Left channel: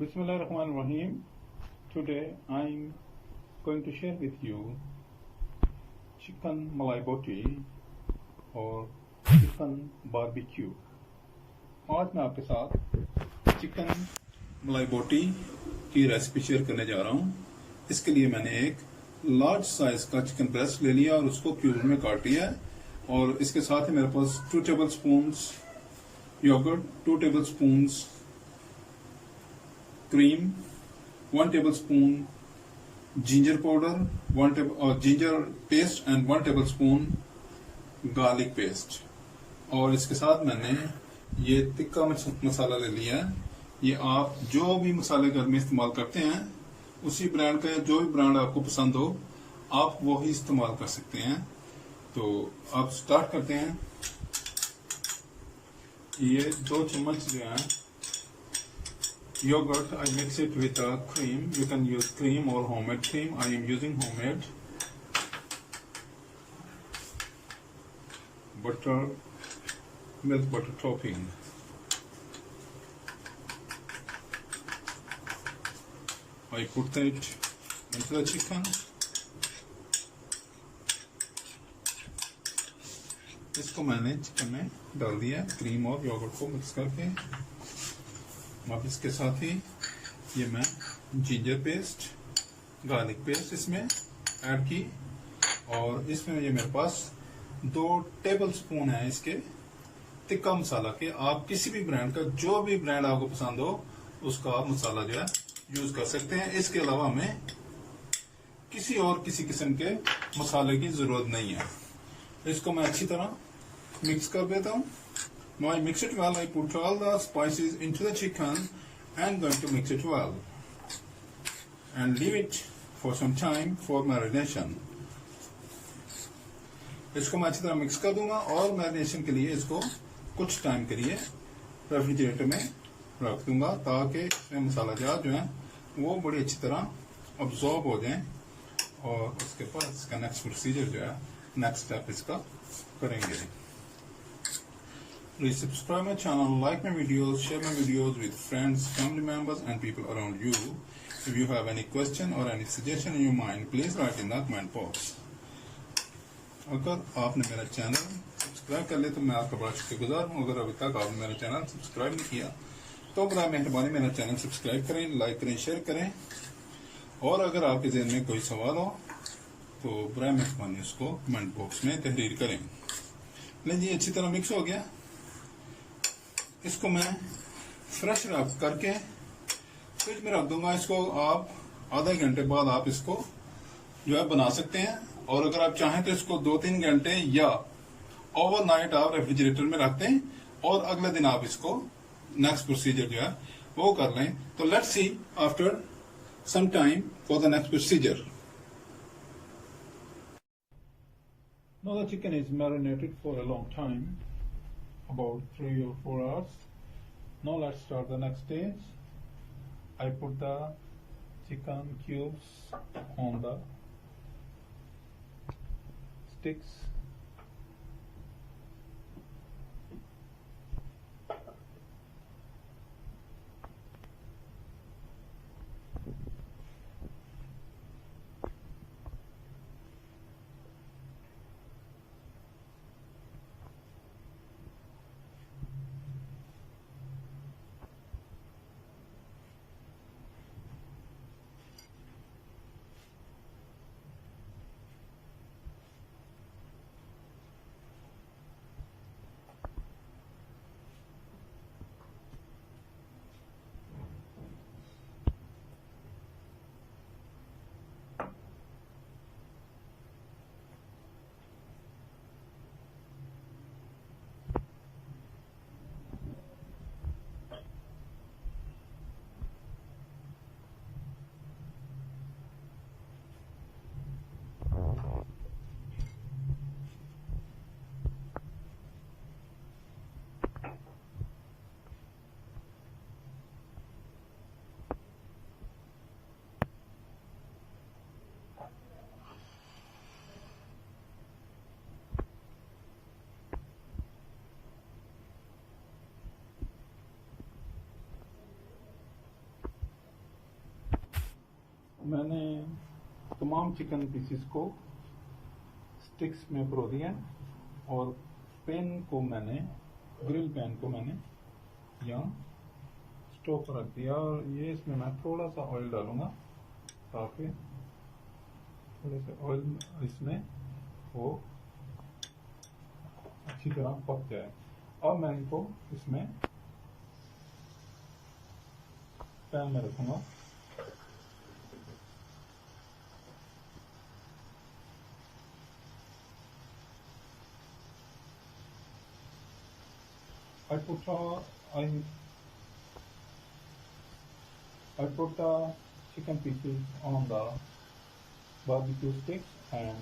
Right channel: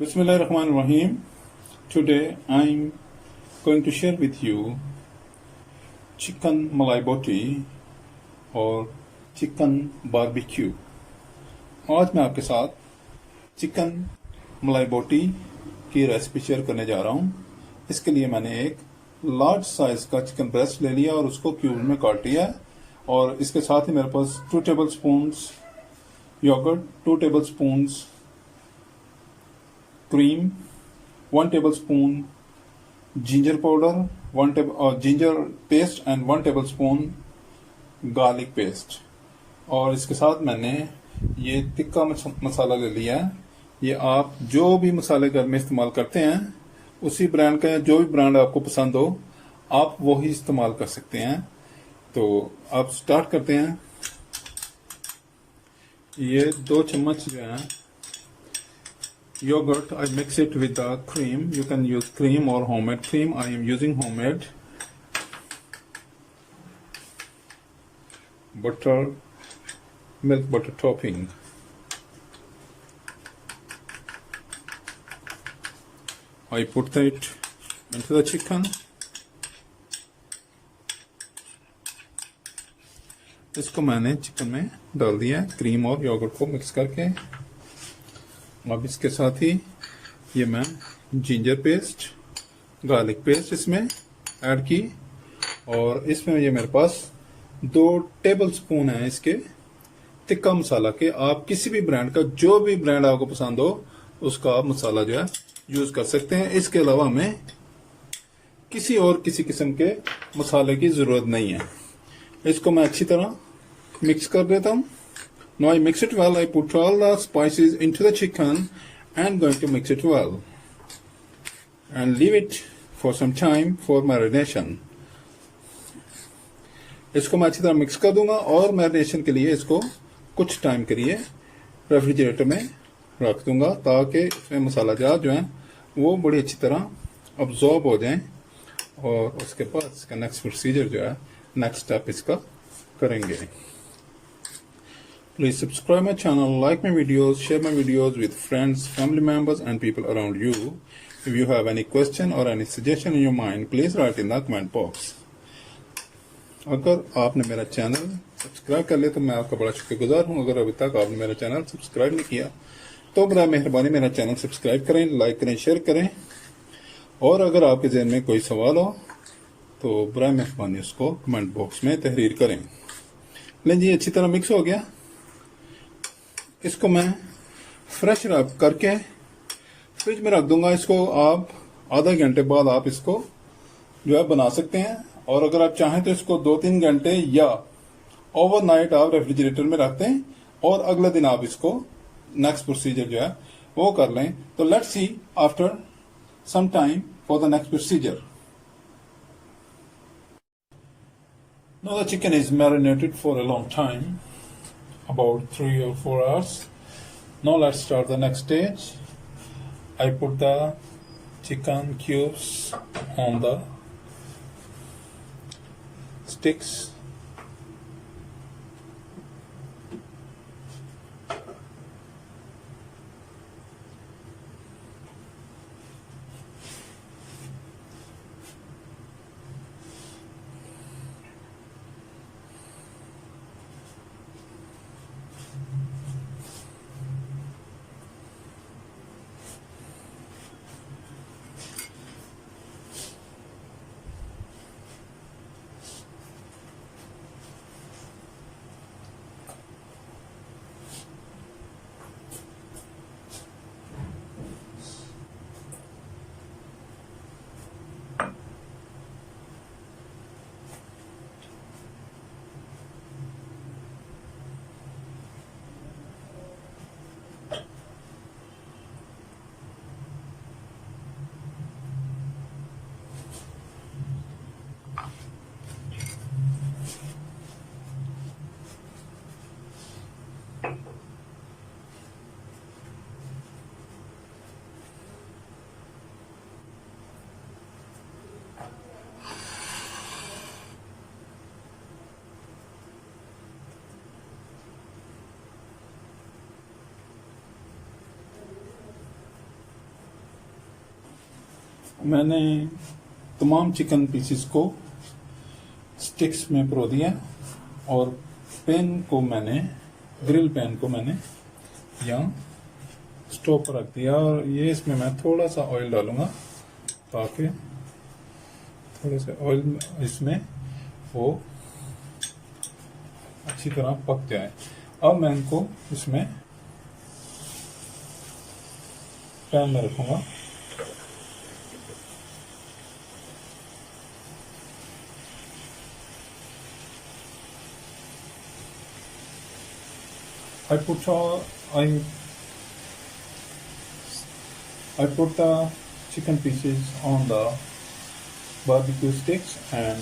Bismillahirrahmanirrahim. Today I'm going to share with you Chicken Malai Boti और chicken barbecue. आज मैं आपके साथ चिकन मलाई बोटी की रेसिपी शेयर करने जा रहा हूँ। इसके लिए मैंने एक लार्ज साइज का चिकन ब्रेस्ट ले लिया और उसको क्यूब में काट लिया है। और इसके साथ ही मेरे पास 2 tablespoon yoghurt, 2 tablespoon cream, 1 tablespoon ginger powder, ginger paste and 1 tablespoon garlic paste. और इसके साथ मैंने ये तिक्का मसाला ले लिया है। ये आप जो भी मसाले घर में इस्तेमाल करते हैं उसी ब्रांड का, या जो भी ब्रांड आपको पसंद हो आप वो ही इस्तेमाल कर सकते हैं। तो आप स्टार्ट करते हैं। ये 2 चम्मच जो है yogurt, I mix it with the cream. You can use cream or homemade cream. I am using homemade. Butter, milk butter topping. I put it into the chicken. इसको मैंने चिकन में डाल दिया क्रीम और योगर्ट को mix करके। अब इसके साथ ही ये मैं जिंजर पेस्ट, गार्लिक पेस्ट इसमें ऐड की। और इसमें ये मेरे पास 2 टेबल स्पून है इसके तिक्का मसाला के। आप किसी भी ब्रांड का, जो भी ब्रांड आपको पसंद हो उसका आप मसाला जो है यूज कर सकते हैं। इसके अलावा हमें किसी किस्म के मसाले की जरूरत नहीं है। इसको मैं अच्छी तरह मिक्स कर देता हूँ। Now I mix it well. I put all the spices into the chicken and going to mix it well and leave it for some time for marination. इसको मैं अच्छी तरह मिक्स कर दूंगा और मैरिनेशन के लिए इसको कुछ टाइम के लिए रेफ्रिजरेटर में रख दूंगा ताकि इसमें मसाला जात जो है वो बड़ी अच्छी तरह अब्जॉर्ब हो जाए। और उसके बाद इसका नेक्स्ट प्रोसीजर जो है, नेक्स्ट स्टेप इसका करेंगे। Please subscribe my channel, like my videos, share my videos with friends, family members and people around you. If you have any question or any suggestion in your mind, please write in the comment box. अगर आपने मेरा channel subscribe कर लिया तो मैं आपका बड़ा शुक्रगुजार हूँ। अगर अभी तक आपने मेरा चैनल सब्सक्राइब नहीं किया तो बड़ा मेहरबानी मेरा चैनल सब्सक्राइब करें, लाइक करें, शेयर करें। और अगर आपके जहन में कोई सवाल हो तो बड़ा मेहरबानी उसको कमेंट बॉक्स में तहरीर करें। लेकिन जी अच्छी तरह मिक्स हो गया। इसको मैं फ्रेश रब करके फ्रिज में रख दूंगा। इसको आप आधा घंटे बाद आप इसको जो है बना सकते हैं। और अगर आप चाहें तो इसको 2-3 घंटे या ओवरनाइट आप रेफ्रिजरेटर में रखते हैं और अगले दिन आप इसको नेक्स्ट प्रोसीजर जो है वो कर लें। तो let's see after some time for the next procedure. Now the chicken is marinated for a long time, about 3 or 4 hours. Now let's start the next stage. I put the chicken cubes on the sticks. मैंने तमाम chicken pieces को sticks में परो दिया और grill pan को मैंने यहाँ स्टोव पर रख दिया और ये इसमें मैं थोड़ा सा ऑयल डालूंगा ताकि थोड़े से ऑयल इसमें वो अच्छी तरह पक जाए। अब मैं इनको इसमें पैन में रखूंगा। I put the chicken pieces on the barbecue sticks and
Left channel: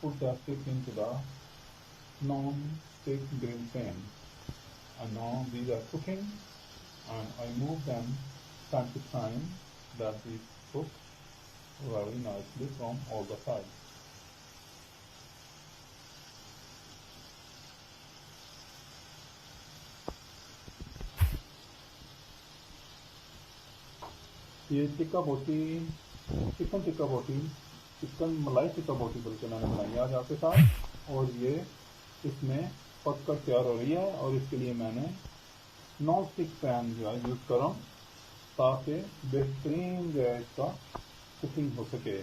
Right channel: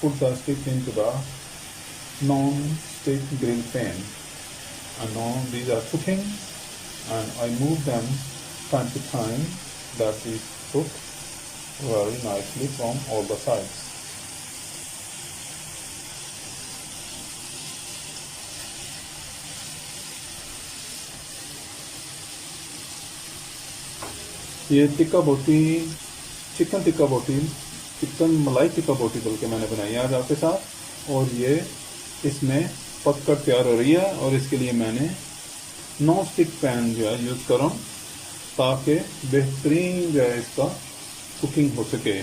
put the stick into the non-stick grill pan. And now these are cooking and I move them time to time that they cook very nicely from all the sides. ये chicken मलाई टिक्का बोटी बल्कि मैंने बनाई है आज आपके साथ और ये इसमें पककर तैयार हो रही है और इसके लिए मैंने नॉन स्टिक पैन जो है यूज कर रहा हूँ ताकि बेहतरीन जो है इसका कुकिंग हो सके।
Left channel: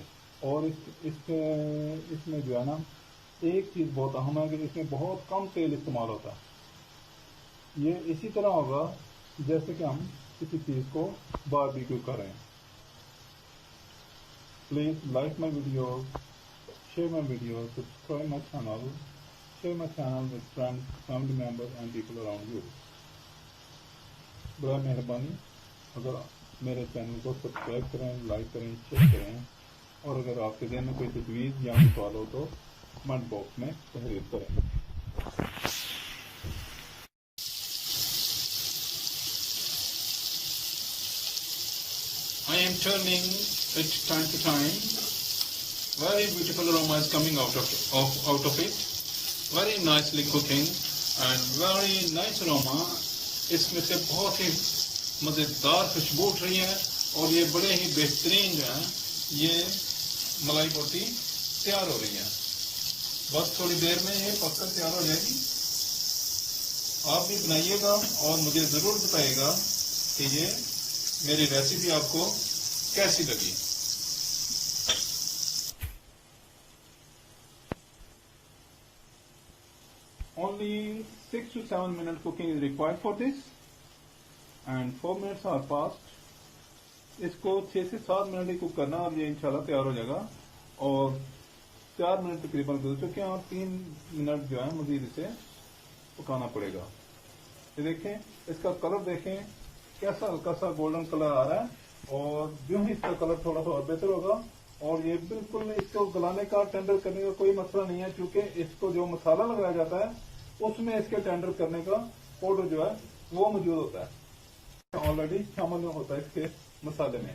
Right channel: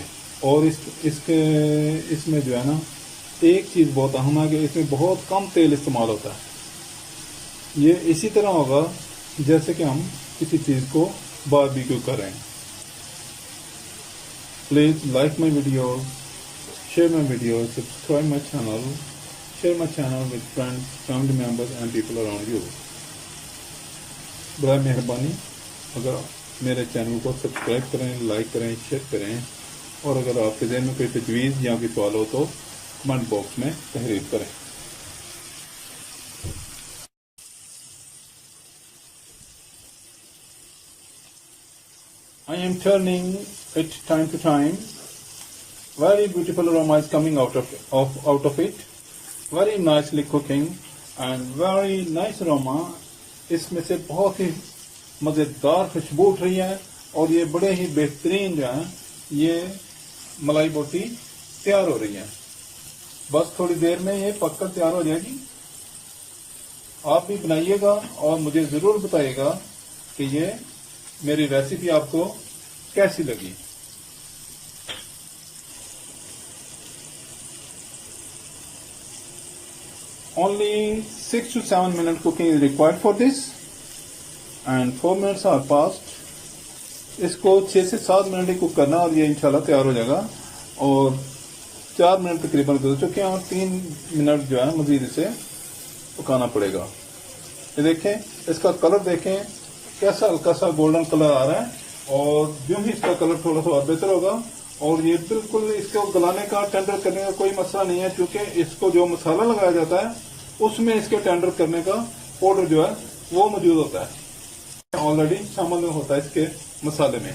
और इसमें जो है ना एक चीज़ बहुत अहम है कि इसमें बहुत कम तेल इस्तेमाल होता है। ये इसी तरह होगा जैसे कि हम किसी चीज़ को बारबेक्यू करें। Please like my video, share my video, subscribe my channel, share my channel with friends, family members and people around you. बड़ा मेहरबानी अगर मेरे चैनल को सब्सक्राइब करें, लाइक करें, शेयर करें और अगर आपके ज़हन में कोई तजवीज़ या कोई सवाल हो तो कमेंट बॉक्स में तहरीर करें। I am turning it time to time. Very beautiful aroma is coming out of it. Very nicely cooking and very nice aroma. इसमें से बहुत ही मज़ेदार खुशबू उठ रही है और ये बड़े ही बेहतरीन जो है ये मलाई बोटी तैयार हो रही है। बस थोड़ी देर में ये पककर तैयार हो जाएगी। आप भी बनाइएगा और मुझे ज़रूर बताइएगा कि ये मेरी रेसिपी आपको कैसी लगी। Only 6 to 7 minutes cooking is required for this and 4 minutes are passed. इसको 6 से 7 मिनट ही कुक करना और ये इंशाल्लाह तैयार हो जाएगा। और 4 मिनट तकरीबन गुजर चुके हैं और 3 मिनट जो है मजीद इसे पकाना पड़ेगा। ये देखें, इसका कलर देखें कैसा हल्का सा गोल्डन कलर आ रहा है और जो ही इसका कलर थोड़ा सा और बेहतर होगा। और ये बिल्कुल इसको गलाने का टेंडर करने का कोई मसला नहीं है क्योंकि इसको जो मसाला लगाया जाता है उसमें इसके टेंडर करने का पाउडर जो है वो मौजूद होता है, ऑलरेडी शामिल होता है इसके मसाले में।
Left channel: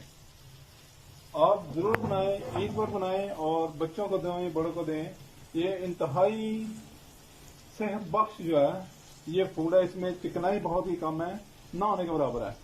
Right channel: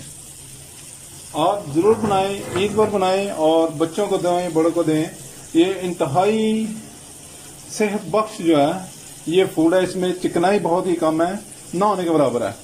आप जरूर बनाएं, ईद पर बनाएं और बच्चों को दें, बड़ों को दें। ये इंतहाई सेहत बख्श जो है ये फूड है। इसमें चिकनाई बहुत ही कम है, ना होने के बराबर है।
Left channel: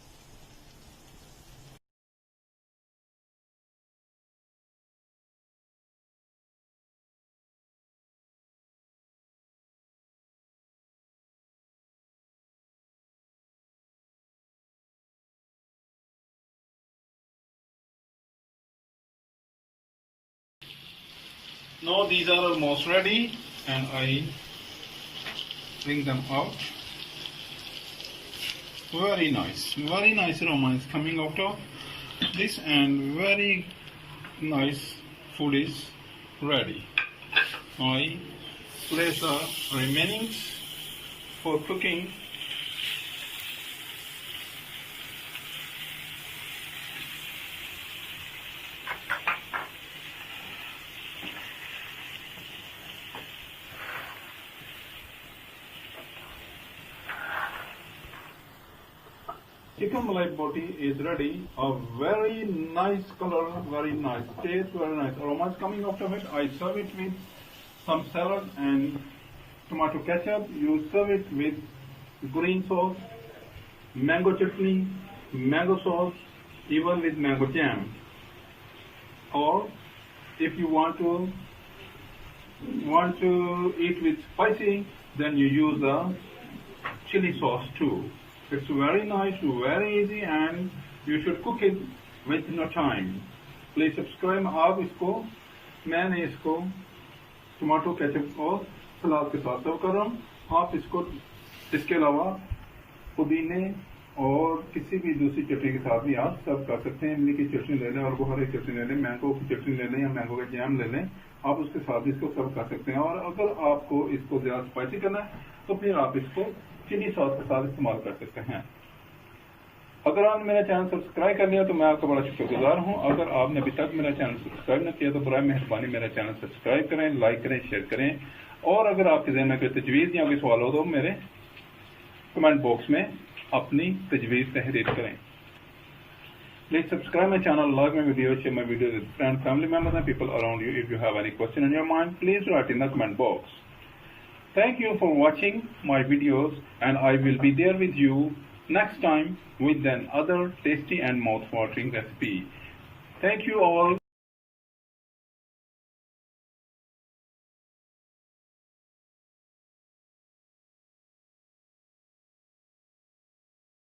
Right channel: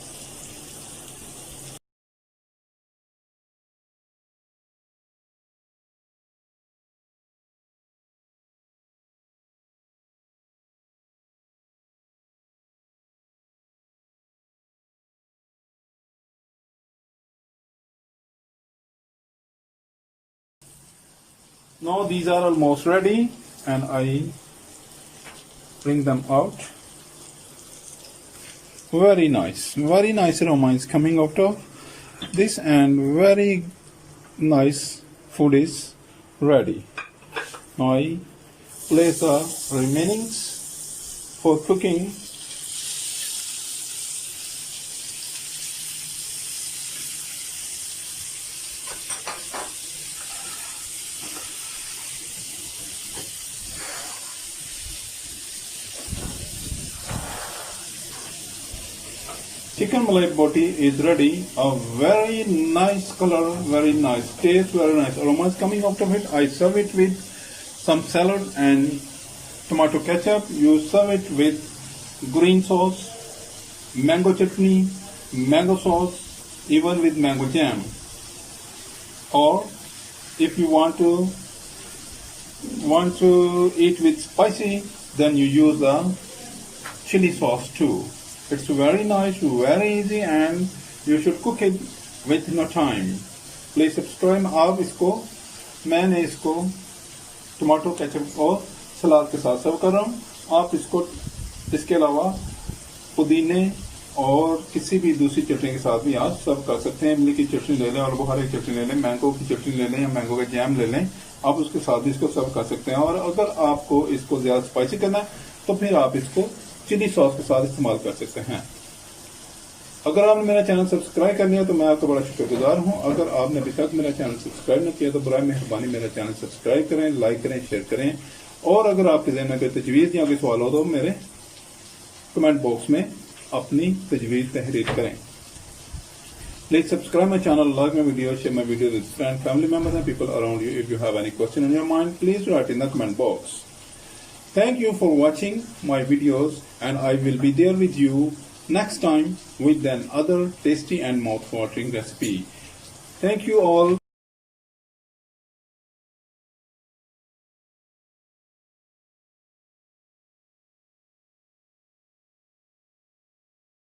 Now these are almost ready and I bring them out. Very nice aroma is coming out of this and very nice food is ready. Now I place the remainings for cooking. Chicken Malai Boti is ready. A very nice color, very nice taste, very nice aroma is coming out of it. I serve it with some salad and tomato ketchup. You serve it with green sauce, mango chutney, mango sauce, even with mango jam. or if you want to eat with spicy, then you use the chili sauce too. It's very nice, very easy, and you should cook it with no time. Please subscribe. आप इसको मैंने इसको tomato ketchup और सलाद के साथ सर्व कर रहा हूँ. आप इसको इसके अलावा पुदीने और किसी भी दूसरी चटनी के साथ भी आप सर्व कर सकते हैं. इमली की चटनी ले लें और बुखारे की चटनी ले लें, मैंगो की चटनी ले लें या मैंगो का जैम ले लें. आप उसके साथ भी इसको सर्व कर सकते हैं. और अगर आपको इसको ज्यादा स्पाइसी करना है तो फिर आप इसको चिली सॉस के साथ इस्तेमाल कर सकते हैं. अगर आपने मेरा चैनल सब्सक्राइब कर लिया तो मैं आपका बड़ा शुक्रगुजार हूं. अगर आपने अभी तक मेरा चैनल सब्सक्राइब न किया तो बराए मेहरबानी मेरा चैनल सब्सक्राइब करें, लाइक करें, शेयर करें. और अगर आपके ज़हन में कोई तजवीज़ या कोई सवाल हो तो मेरे कमेंट बॉक्स में अपनी तजवीज़ तहरीर करें. Please subscribe my channel, like my videos, share my videos with friends, family members and people around you. If you have any question in your mind, please write in the comment box. Thank you for watching my videos, and I will be there with you next time with another tasty and mouth-watering recipe. Thank you all.